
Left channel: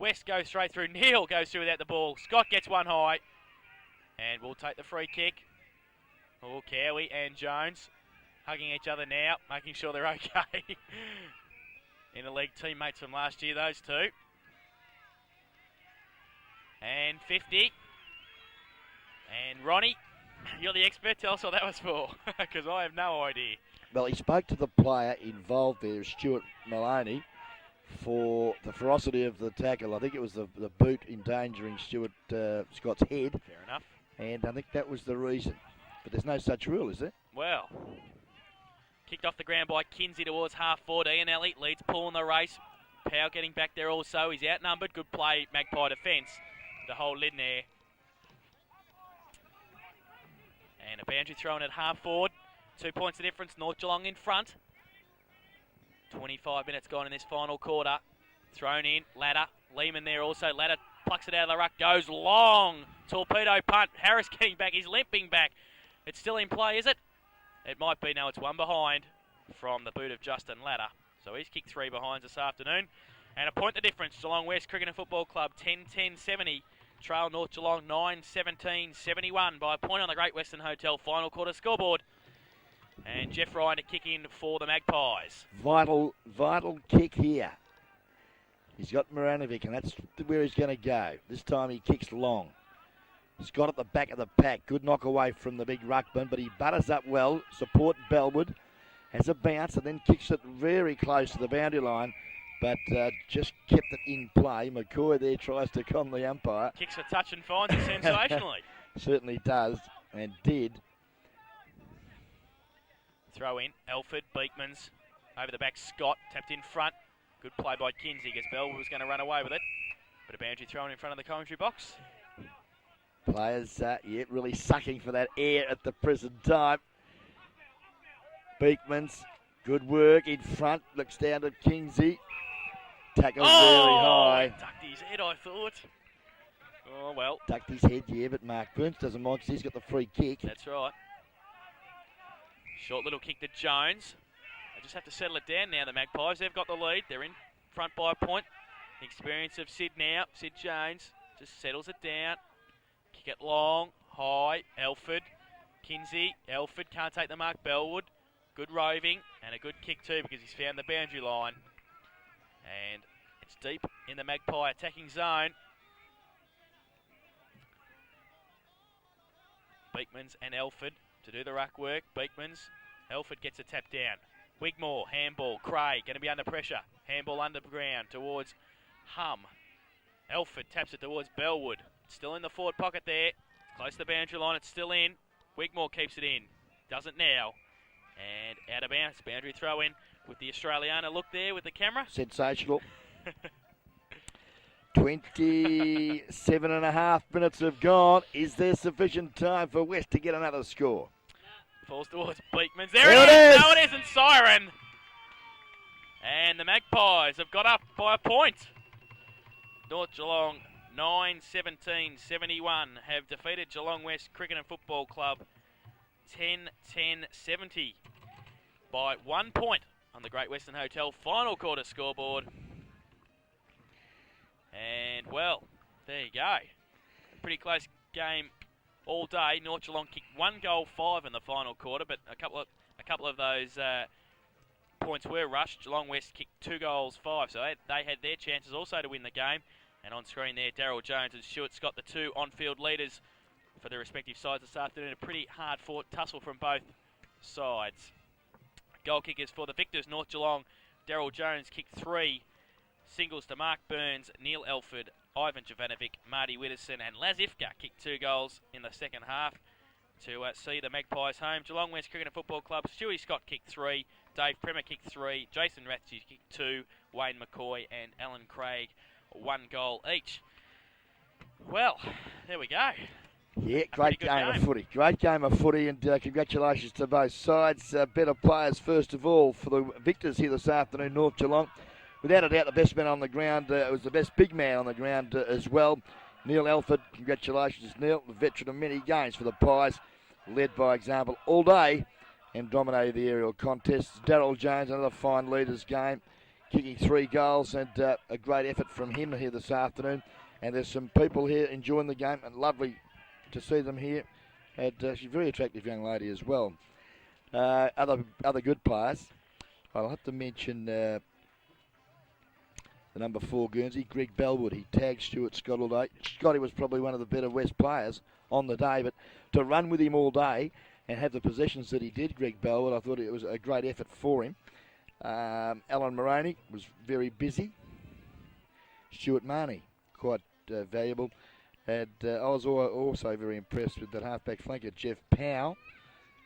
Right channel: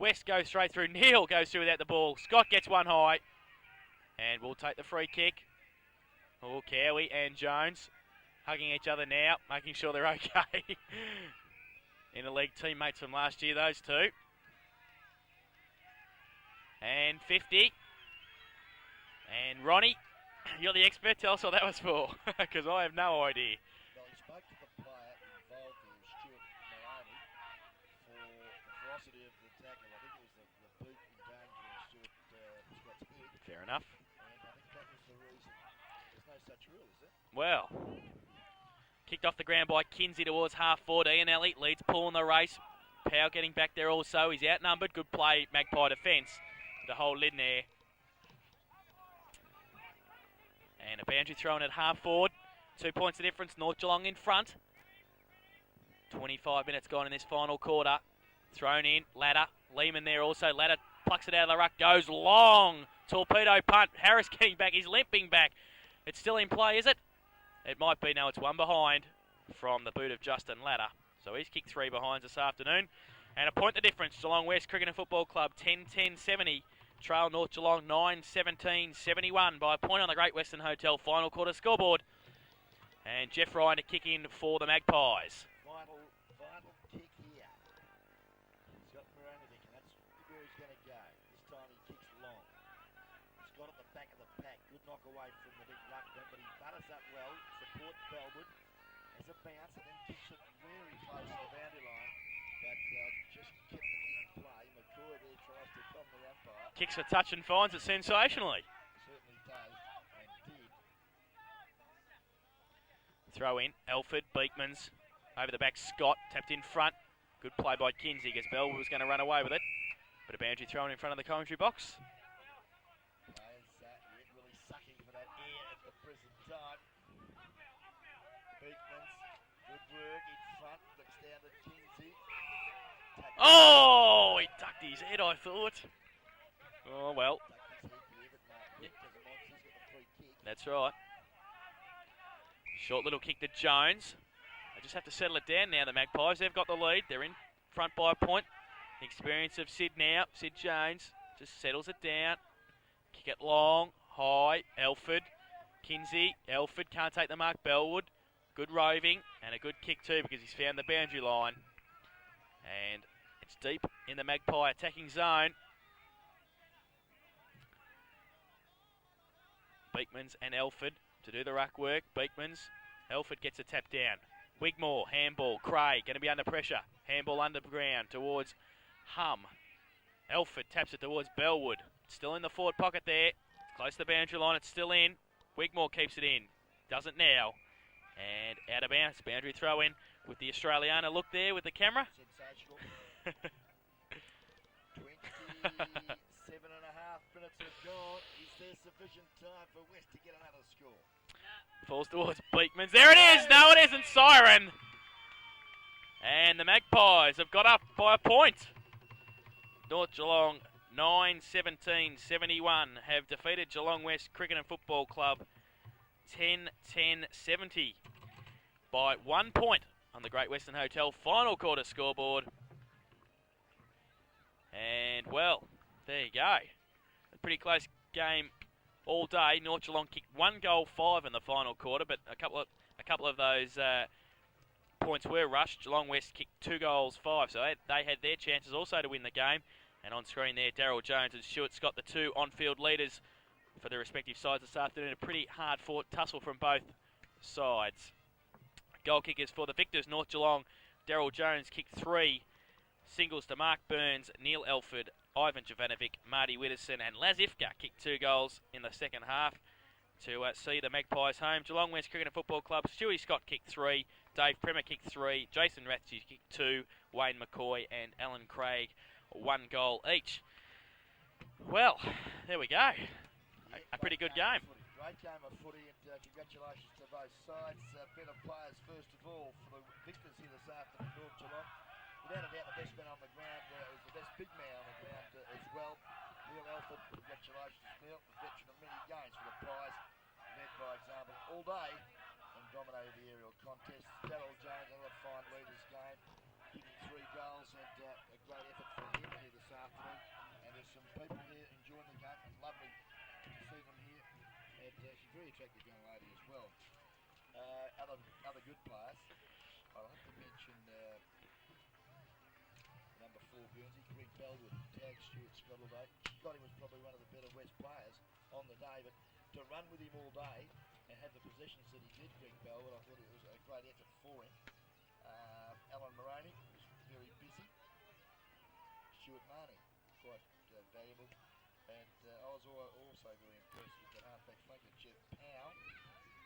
West goes straight through. Neal goes through without the ball. Scott gets one high. And we'll take the free kick. Oh, Cowie and Jones hugging each other now, making sure they're okay. Interleague teammates from last year, those two. And 50. And Ronnie, you're the expert. Tell us what that was for, because I have no idea. Well, he spoke to the player involved there, Stuart Maloney, for the ferocity of the tackle. I think it was the boot endangering Stuart Scott's head. Fair enough. And I think that was the reason. But there's no such rule, is there? Well, kicked off the ground by Kinsey towards half 14. Ellie leads Paul in the race. Powell getting back there also. He's outnumbered. Good play, Magpie defence to hold in there. And a boundary thrown at half forward. 2 points of difference. North Geelong in front. 25 minutes gone in this final quarter. Thrown in. Ladder. Lehman there also. Ladder plucks it out of the ruck. Goes long. Torpedo punt. Harris getting back. He's limping back. It's still in play, is it? It might be. No, it's one behind from the boot of Justin Ladder. So he's kicked 3 behinds this afternoon. And a point the difference. Geelong West Cricket and Football Club 10-10-70. Trail North Geelong 9-17-71 by a point on the Great Western Hotel final quarter scoreboard. And Jeff Ryan to kick in for the Magpies. Vital kick here. He's got Maranovic, and that's where he's going to go. This time he kicks long. Scott at the back of the pack. Good knock away from the big ruckman, but he butters up well. Support Bellwood. Has a bounce and then kicks it very close to the boundary line, but just kept it in play. McCoy there tries to con the umpire. Kicks for touch and finds it sensationally. Certainly does, and did. Throw in. Elford, Beekmans. Over the back, Scott. Tapped in front. Good play by Kinsey, because Bellwood was going to run away with it. But a boundary thrown in front of the commentary box. Players, really sucking for that air at the present time. Beekmans, good work in front. Looks down to Kinsey. Tackle very high. He ducked his head, I thought. Oh, well. Ducked his head, yeah, but Mark Burns doesn't mind. He's got the free kick. That's right. Short little kick to Jones. They just have to settle it down now, the Magpies. They've got the lead. They're in front by a point. The experience of Sid now. Sid Jones just settles it down. Kick it long, high. Elford. Kinsey. Elford can't take the mark. Bellwood. Good roving and a good kick too, because he's found the boundary line. And it's deep in the Magpie attacking zone. Beekmans and Elford to do the ruck work. Beekmans. Elford gets a tap down. Wigmore, handball. Craig going to be under pressure. Handball underground towards Hum. Elford taps it towards Bellwood. Still in the forward pocket there. Close to the boundary line. It's still in. Wigmore keeps it in. Doesn't now. And out of bounds. Boundary throw in with the Australiana look there with the camera. Sensational. 20 27 and a half minutes have gone. Is there sufficient time for West to get another score? Falls towards Beekman's. There it is! No, it isn't. Siren. And the Magpies have got up by a point. North Geelong 9-17-71 have defeated Geelong West Cricket and Football Club 10-10-70 by 1 point on the Great Western Hotel final quarter scoreboard. And, well, there you go. A pretty close game all day. North Geelong kicked 1 goal 5 in the final quarter, but a couple of those points were rushed. Geelong West kicked 2 goals 5, so they had their chances also to win the game. And on screen there, Daryl Jones and Stuart Scott, the two on-field leaders for their respective sides this afternoon. A pretty hard-fought tussle from both sides. Goal kickers for the victors, North Geelong. Daryl Jones kicked 3. Singles to Mark Burns, Neil Elford, Ivan Jovanovic, Marty Widdowson and Laz Ifka kicked 2 goals in the second half to see the Magpies home. Geelong West Cricket and Football Club, Stewie Scott kicked 3, Dave Premer kicked 3, Jason Rathje kicked 2, Wayne McCoy and Alan Craig 1 goal each. Well, there we go. Yeah, great game of footy. Great game of footy, and congratulations to both sides. Better players, first of all, for the victors here this afternoon, North Geelong. Without a doubt, the best man on the ground was the best big man on the ground as well. Neil Elford, congratulations, Neil, the veteran of many games for the Pies, led by example all day and dominated the aerial contests. Daryl Jones, another fine leaders game, kicking 3 goals, and a great effort from him here this afternoon. And there's some people here enjoying the game, and lovely to see them here. And she's a very attractive young lady as well. Other good players. I'll have to mention the number 4 Guernsey, Greg Bellwood. He tagged Stuart Scott all day. Scotty was probably one of the better West players on the day, but to run with him all day and have the possessions that he did, Greg Bellwood, I thought it was a great effort for him. Alan Moroney was very busy. Stuart Marnie, quite valuable. And I was also very impressed with that halfback flanker, Jeff Powell,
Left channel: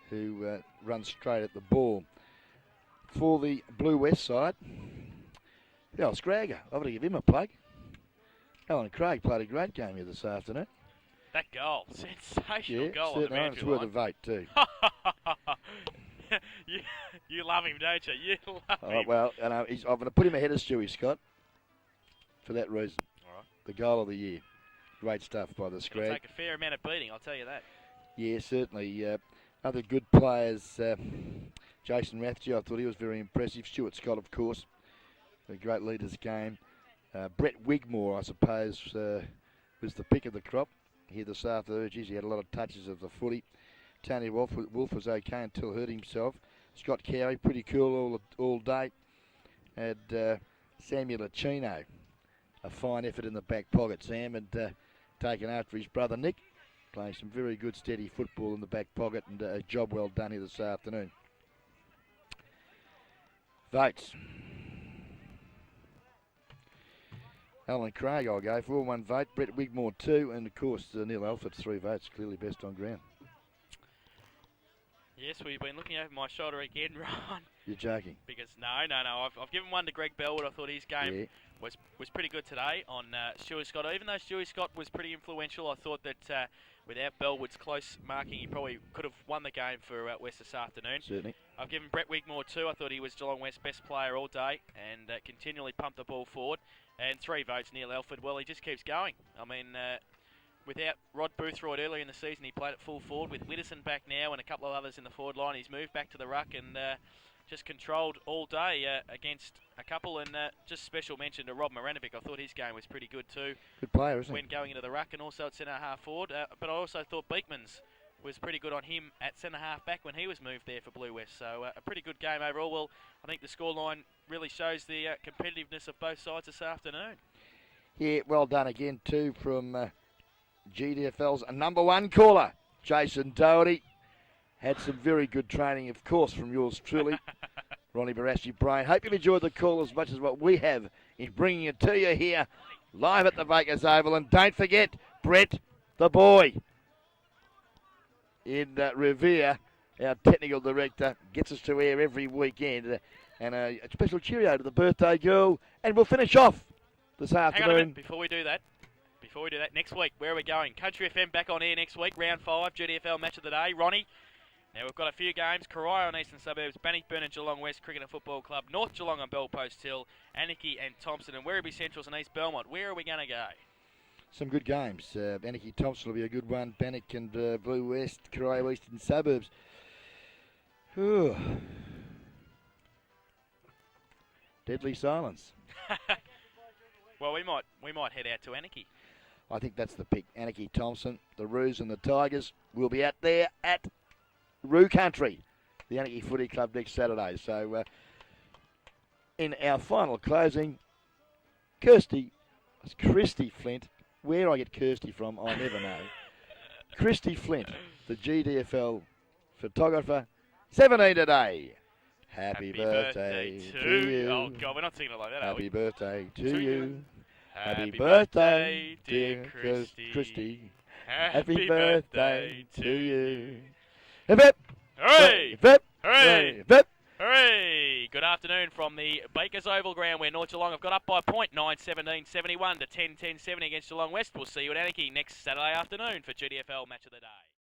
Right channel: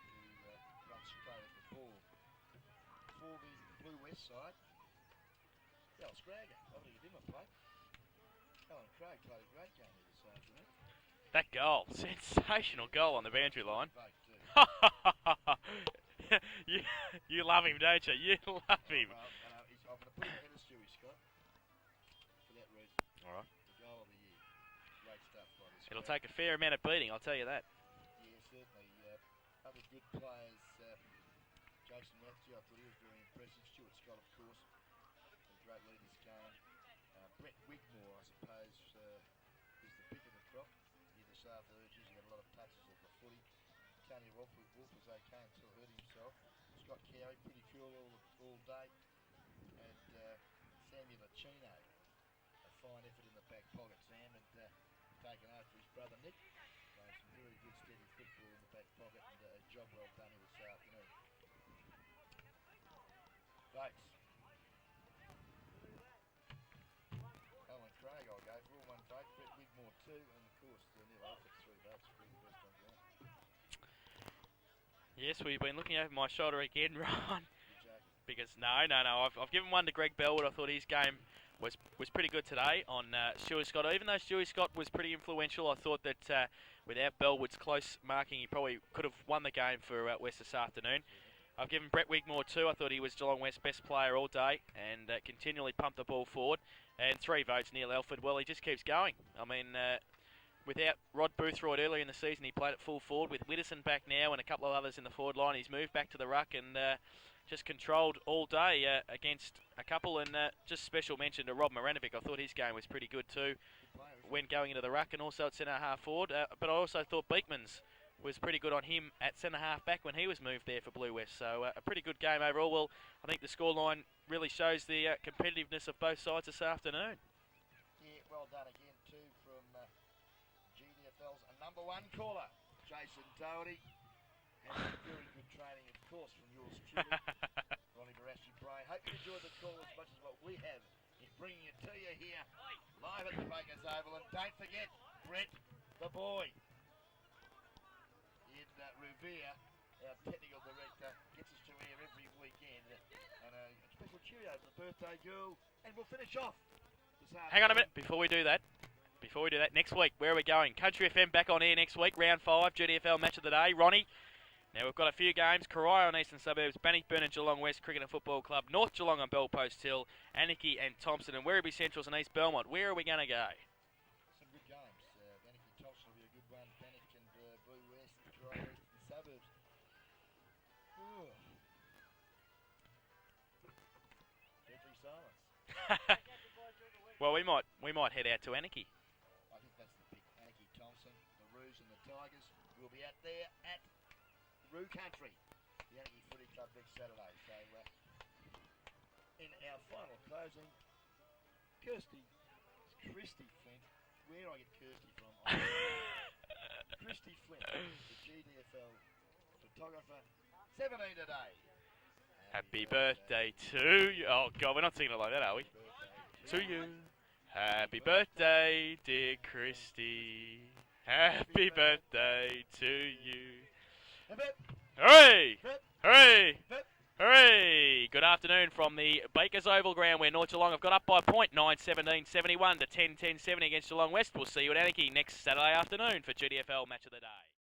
who runs straight at the ball. For the Blue West side, Scragger, I've got to give him a plug. Alan Craig played a great game here this afternoon. That goal, sensational goal on the boundary line. It's worth a vote too. you love him, don't you? You love him. Well, I'm going to put him ahead of Stewie Scott for that reason. All right. The goal of the year. Great stuff by the Scrag. It'll take a fair amount of beating, I'll tell you that. Yeah, certainly. Other good players, Jason Rathje, I thought he was very impressive. Stuart Scott, of course, a great leaders game. Brett Wigmore, I suppose, was the pick of the crop here this afternoon. Geez, he had a lot of touches of the footy. Tony Wolf was okay until hurt himself. Scott Carey, pretty cool all day. And Samuel Achino, a fine effort in the back pocket, Sam, and taken after his brother Nick, playing some very good steady football in the back pocket, and a job well done here this afternoon. Votes. Alan Craig I'll go for 1 vote, Brett Wigmore 2, and of course Neil Alford 3 votes, clearly best on ground. Yes, we've been looking over my shoulder again, Ron. You're joking. Because no. I've given 1 to Greg Bellwood. I thought his game was pretty good today on Stewie Scott. Even though Stewie Scott was pretty influential, I thought that without Bellwood's close marking, he probably could have won the game for West this afternoon. Certainly. I've given Brett Wigmore 2. I thought he was Geelong West's best player all day and continually pumped the ball forward. And 3 votes, Neil Elford. Well, he just keeps going. I mean, without Rod Boothroyd earlier in the season, he played at full forward. With Widdowson back now and a couple of others in the forward line, he's moved back to the ruck and just controlled all day against a couple. And just special mention to Rob Maranovic. I thought his game was pretty good too. Good player, isn't he? When going into the ruck and also at centre half forward. But I also thought Beekman's was pretty good on him at centre half back when he was moved there for Blue West. So a pretty good game overall. Well, I think the scoreline really shows the competitiveness of both sides this afternoon. Yeah, well done again too from GDFL's number 1 caller, Jason Doherty. Had some very good training, of course, from yours truly, Ronnie Barassi Brain. Hope you've enjoyed the call as much as what we have in bringing it to you here live at the Bakers Oval. And don't forget, Brett the boy in Revere, our technical director, gets us to air every weekend. And a special cheerio to the birthday girl. And we'll finish off this afternoon. Hang on a minute before we do that. Next week, where are we going? Country FM back on air next week, round 5, GDFL match of the day. Ronnie, now we've got a few games. Corio on Eastern Suburbs, Bannockburn and Geelong West Cricket and Football Club, North Geelong on Bellpost Hill, Anarchy and Thompson, and Werribee Centrals and East Belmont. Where are we going to go? Some good games. Anarchy Thompson will be a good one. Bannock and Blue West, Corio Eastern Suburbs. Ooh. Deadly silence. Well, we might head out to Anarchy. I think that's the pick. Anarchy Thompson, the Roos and the Tigers will be out there at Roo Country, the Anarchy Footy Club next Saturday. So in our final closing, Christy Flint. Where I get Kirsty from, I'll never know. Christy Flint, the GDFL photographer, 17 today. Happy birthday to you. Oh, God, we're not singing it like that, are we? Happy birthday to you. Happy birthday, dear Christy. Happy birthday to you. Hip hip. Hooray! Hip. Hooray! Hip. Hooray! Good afternoon from the Bakers Oval ground where North Geelong have got up by a point, 9-17-71 to 10-10-70 against Geelong West. We'll see you at Anarchy next Saturday afternoon for GDFL Match of the Day.